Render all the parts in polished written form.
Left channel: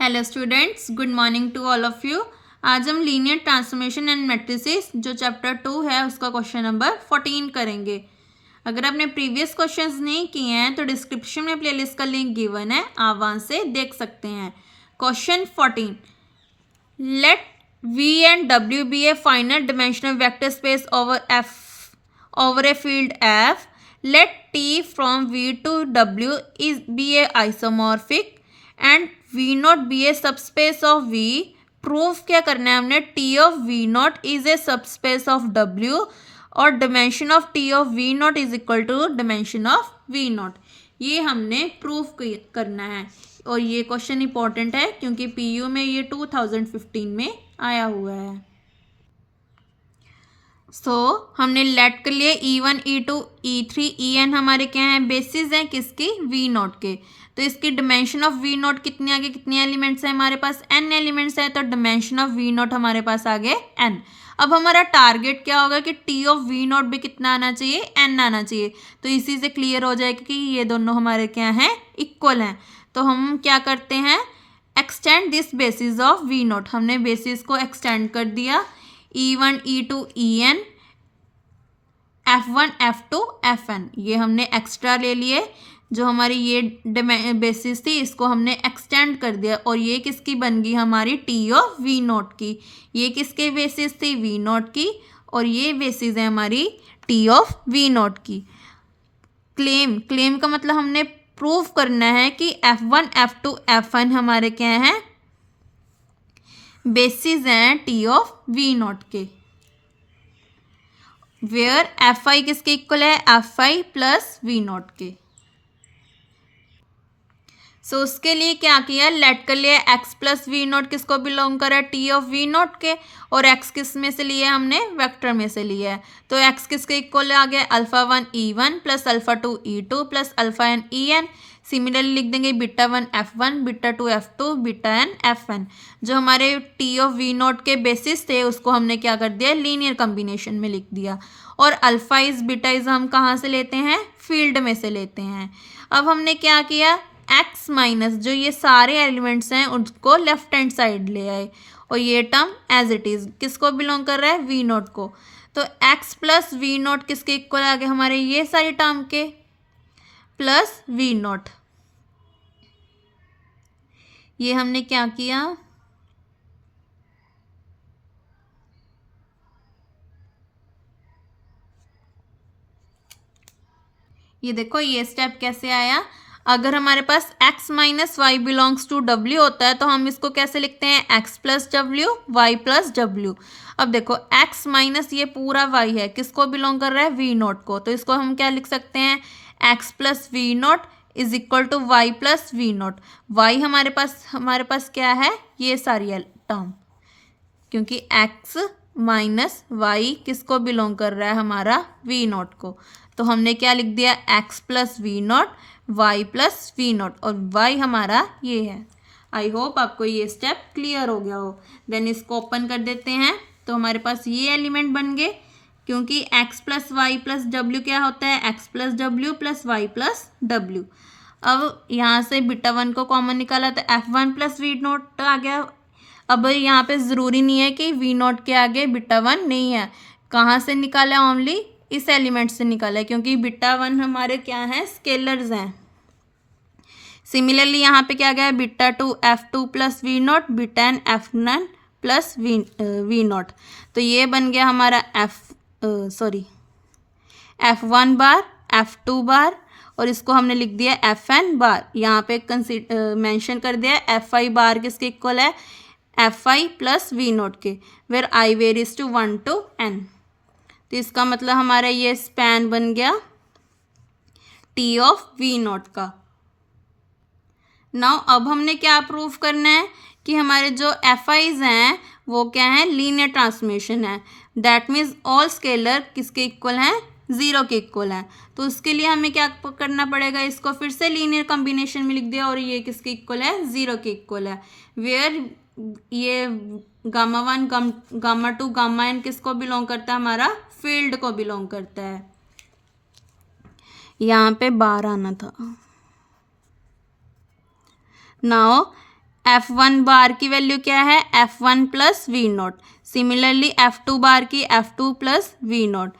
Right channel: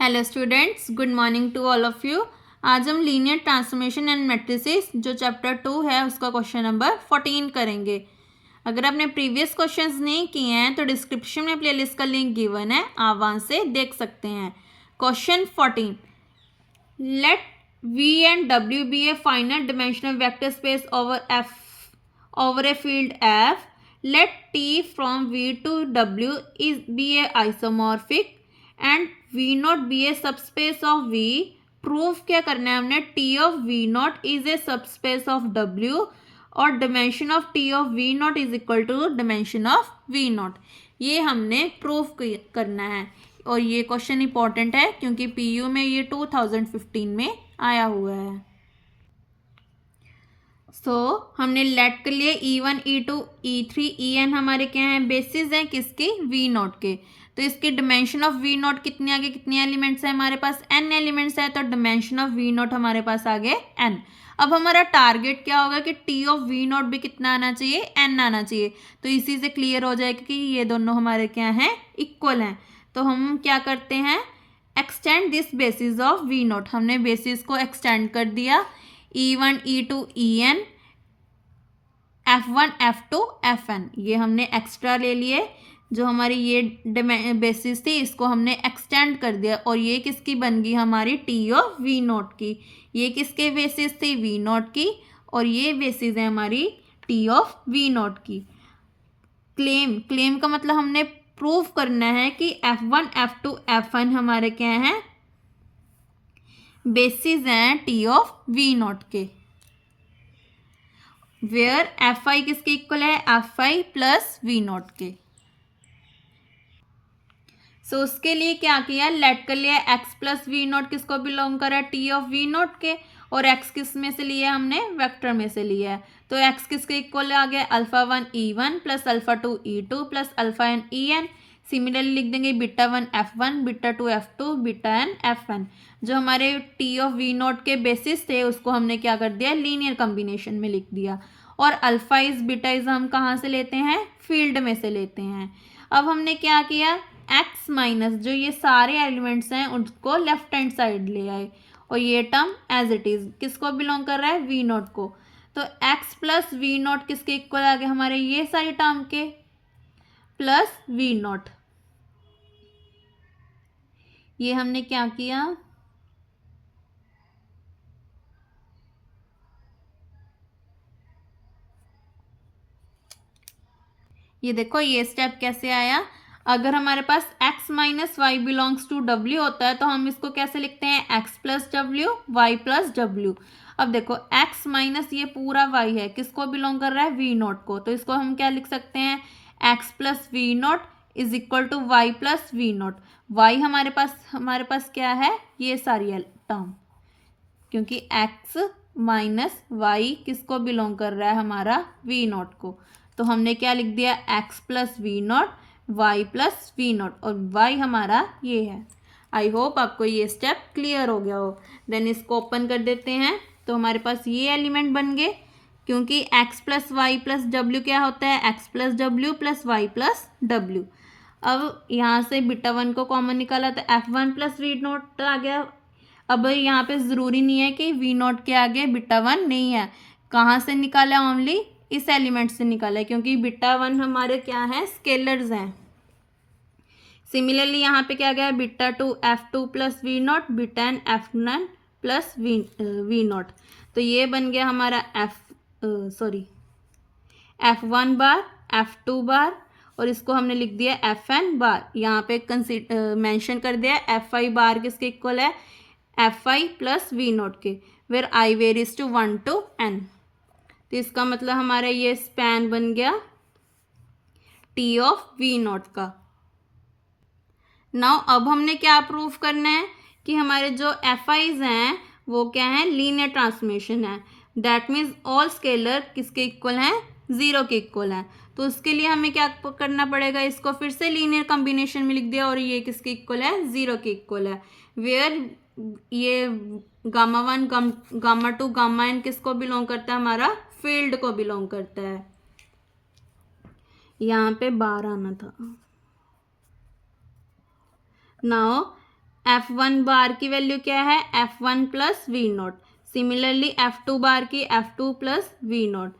Hello students, good morning to all of you. आज हम linear transformation and matrices जो chapter 2 है उसका क्वेश्चन नंबर 14 करेंगे। अगर आपने प्रीवियस क्वेश्चंस नहीं किए हैं तो डिस्क्रिप्शन में प्लेलिस्ट का लिंक गिवन है, आप वहाँ से देख सकते हैं। Question 14, let V and W be a finite dimensional vector space over a field F. Let T from V to W be a isomorphic and V naught be a subspace of V. Proof क्या करना है हमने? T of V naught is a subspace of W और dimension of T of V naught is equal to dimension of V naught. ये हमने proof करना है और ये क्वेश्चन इंपॉर्टेंट है क्योंकि PU में ये 2015 में आया हुआ है। हमने लेट कर लिए E1, E2, E3, En हमारे क्या हैं? बेसिस हैं किसके? V नॉट के। तो इसकी डिमेंशन ऑफ V नॉट कितने आगे? कितने एलिमेंट्स हैं हमारे पास? n एलिमेंट्स हैं, तो डिमेंशन ऑफ V नॉट हमारे पास आगे n। अब हमारा टारगेट क्या होगा कि T ऑफ V नॉट भी कितना आना चाहिए? n आना चाहिए। तो इसी से क्लियर हो जाएगा कि ये दोनों हमारे क्या हैं? इक्वल हैं। तो हम क्या करते हैं? Extend this basis of V not. हमने बेसिस को एक्सटेंड कर दिया। E1, E2, En, F1, F2, Fn ये हमने एक्स्ट्रा ले लिए। जो हमारी ये बेसिस थी इसको हमने एक्सटेंड कर दिया और ये किसकी बन गई? हमारी T ऑफ V नॉट की। ये किसके बेसिस थी? V नॉट की। और ये बेसिस है हमारी T ऑफ V नॉट की। क्लेम का मतलब हमने प्रूफ करना है कि F1, F2, Fn हमारे क्या हैं? बेसिस हैं T ऑफ V नॉट के। वेयर Fi किसके इक्वल है? Fi प्लस V नॉट के। उसके लिए क्या किया? लेट कर लिया x प्लस वी नॉट किसको बिलोंग करा? T ऑफ V नॉट के। और x किस में से लिया? हमने वेक्टर में से लिया है। तो x किसके इक्वल आ गया? α1 E1 plus α2 E2 plus αn En। Similarly लिख देंगे β1 F1, β2 F2, βn Fn। जो हमारे T ऑफ V नॉट के बेसिस थे उसको हमने क्या कर दिया? लीनियर कॉम्बिनेशन में लिख दिया। और अल्फा इज बीटा इज हम कहाँ से लेते हैं? फील्ड में से लेते हैं। अब हमने क्या किया? x माइनस जो ये सारे एलिमेंट्स हैं उनको लेफ्ट हैंड साइड ले आए और ये टर्म एज इट इज किसको बिलोंग कर रहा है? V नॉट को। तो x प्लस V नॉट किसके इक्वल आ गए? हमारे ये सारी टर्म के प्लस V नॉट। ये हमने क्या किया? ये देखो ये स्टेप कैसे आया। अगर हमारे पास x minus y belongs to W होता है तो हम इसको कैसे लिखते हैं? x plus W, y plus W. अब देखो x माइनस ये पूरा y है, किसको बिलोंग कर रहा है? V नॉट को। तो इसको हम क्या लिख सकते हैं? x plus V naught is equal to y plus V naught. Y हमारे पास क्या है? ये सारी टर्म, क्योंकि x माइनस वाई किसको बिलोंग कर रहा है? हमारा V नॉट को। तो हमने क्या लिख दिया? x plus V naught, y plus V naught और y हमारा ये है। आई होप आपको ये स्टेप क्लियर हो गया हो। देन इसको ओपन कर देते हैं तो हमारे पास ये एलिमेंट बन गए, क्योंकि x plus y plus W क्या होता है? x plus W plus y plus W. अब यहाँ से β1 को कॉमन निकाला तो F1 प्लस वी नॉट आ गया। अब यहाँ पे ज़रूरी नहीं है कि V नॉट के आगे β1 नहीं है। कहाँ से निकाला? ओनली इस एलिमेंट से निकाला है, क्योंकि β1 हमारे क्या है? स्केलर्स हैं। सिमिलरली यहाँ पे क्या गया? β2 F2 plus V naught, βn Fn plus V naught. तो ये बन गया हमारा F1 बार, F2 बार और इसको हमने लिख दिया Fn बार। यहाँ पे मेंशन कर दिया Fi बार किसके इक्वल है? Fi प्लस वी नॉट के, where I varies to 1 to n। तो इसका मतलब हमारा ये स्पैन बन गया T ऑफ V नॉट का। नाउ अब हमने क्या प्रूफ करना है कि हमारे जो Fi's हैं वो क्या है? लीनियर ट्रांसफॉर्मेशन है। दैट मीन्स ऑल स्केलर किसके इक्वल हैं? 0 के इक्वल हैं। तो उसके लिए हमें क्या करना पड़ेगा? इसको फिर से लीनियर कॉम्बिनेशन में लिख दिया और ये किसके इक्वल है? 0 के इक्वल है। वेयर ये γ1, γ2, γn किसको बिलोंग करता है? हमारा फील्ड को बिलोंग करता है। यहाँ पे बार आना था। नाउ F1 बार की वैल्यू क्या है, F1 plus V naught. Similarly F2 bar की F2 प्लस वी नॉट,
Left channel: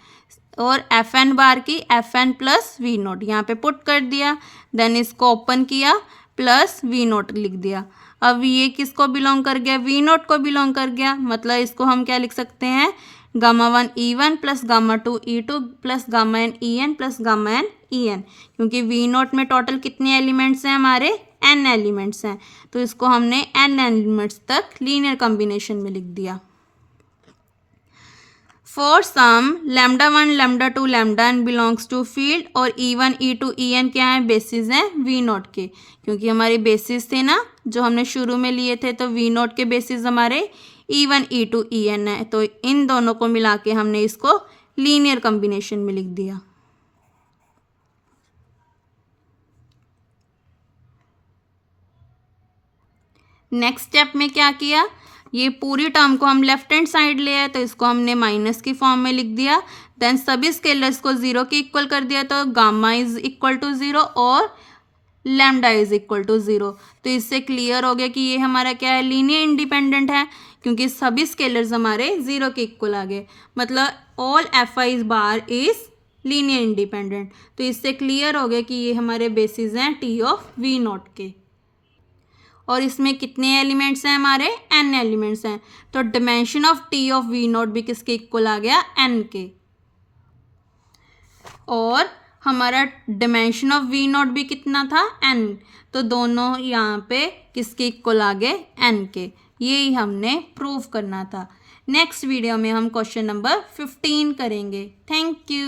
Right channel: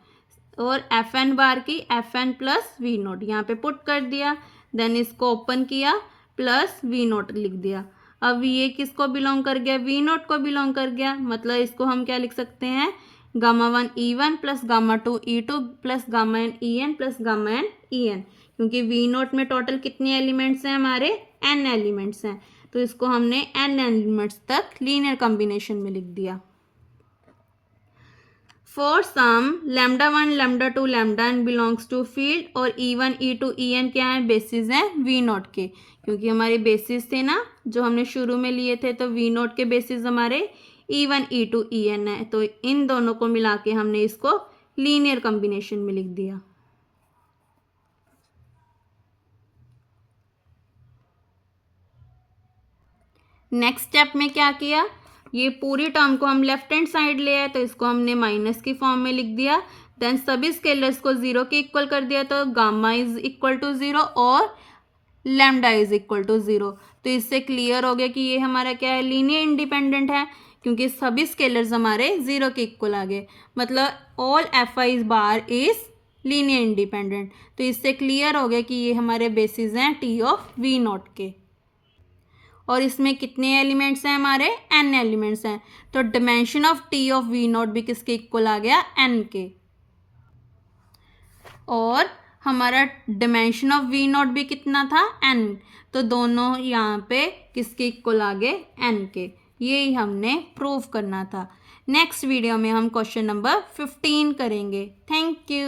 और Fn बार की Fn प्लस वी नॉट यहाँ पे पुट कर दिया। देन इसको ओपन किया, प्लस वी नॉट लिख दिया। अब ये किसको बिलोंग कर गया, वी नॉट को बिलोंग कर गया। मतलब इसको हम क्या लिख सकते हैं, gamma 1 E1 plus gamma 2 E2 plus gamma n En plus gamma n En, क्योंकि वी नॉट में टोटल कितने एलिमेंट्स हैं हमारे, n एलिमेंट्स हैं, तो इसको हमने n एलिमेंट्स तक लीनियर कॉम्बिनेशन में लिख दिया। For some lambda 1 lambda 2 lambda n belongs to field, और E1 E2 En क्या है, बेसिस हैं वी नॉट के, क्योंकि हमारे बेसिस थे ना जो हमने शुरू में लिए थे, तो वी नॉट के बेसिस हमारे E1 E2 En है, तो इन दोनों को मिला के हमने इसको लीनियर कॉम्बिनेशन में लिख दिया। नेक्स्ट स्टेप में क्या किया, ये पूरी टर्म को हम लेफ्ट हैंड साइड ले आए, तो इसको हमने माइनस की फॉर्म में लिख दिया। देन सभी स्केलर्स को जीरो के इक्वल कर दिया, तो gamma is equal to zero और lambda is equal to zero. तो इससे क्लियर हो गया कि ये हमारा क्या है, लीनियर इंडिपेंडेंट है, क्योंकि सभी स्केलर्स हमारे जीरो के इक्वल आ गए। मतलब all Fi bar is linear independent. तो इससे क्लियर हो गया कि ये हमारे बेसिस हैं टी ऑफ वी नॉट के, और इसमें कितने एलिमेंट्स हैं हमारे, n एलिमेंट्स हैं। तो dimension of T of V naught भी किसके इक्वल आ गया, n के, और हमारा डिमेंशन ऑफ वी नॉट भी कितना था, n। तो दोनों यहाँ पे किसके इक्वल आ गए, n के। यही हमने प्रूव करना था। नेक्स्ट वीडियो में हम क्वेश्चन नंबर 15 करेंगे। Thank you.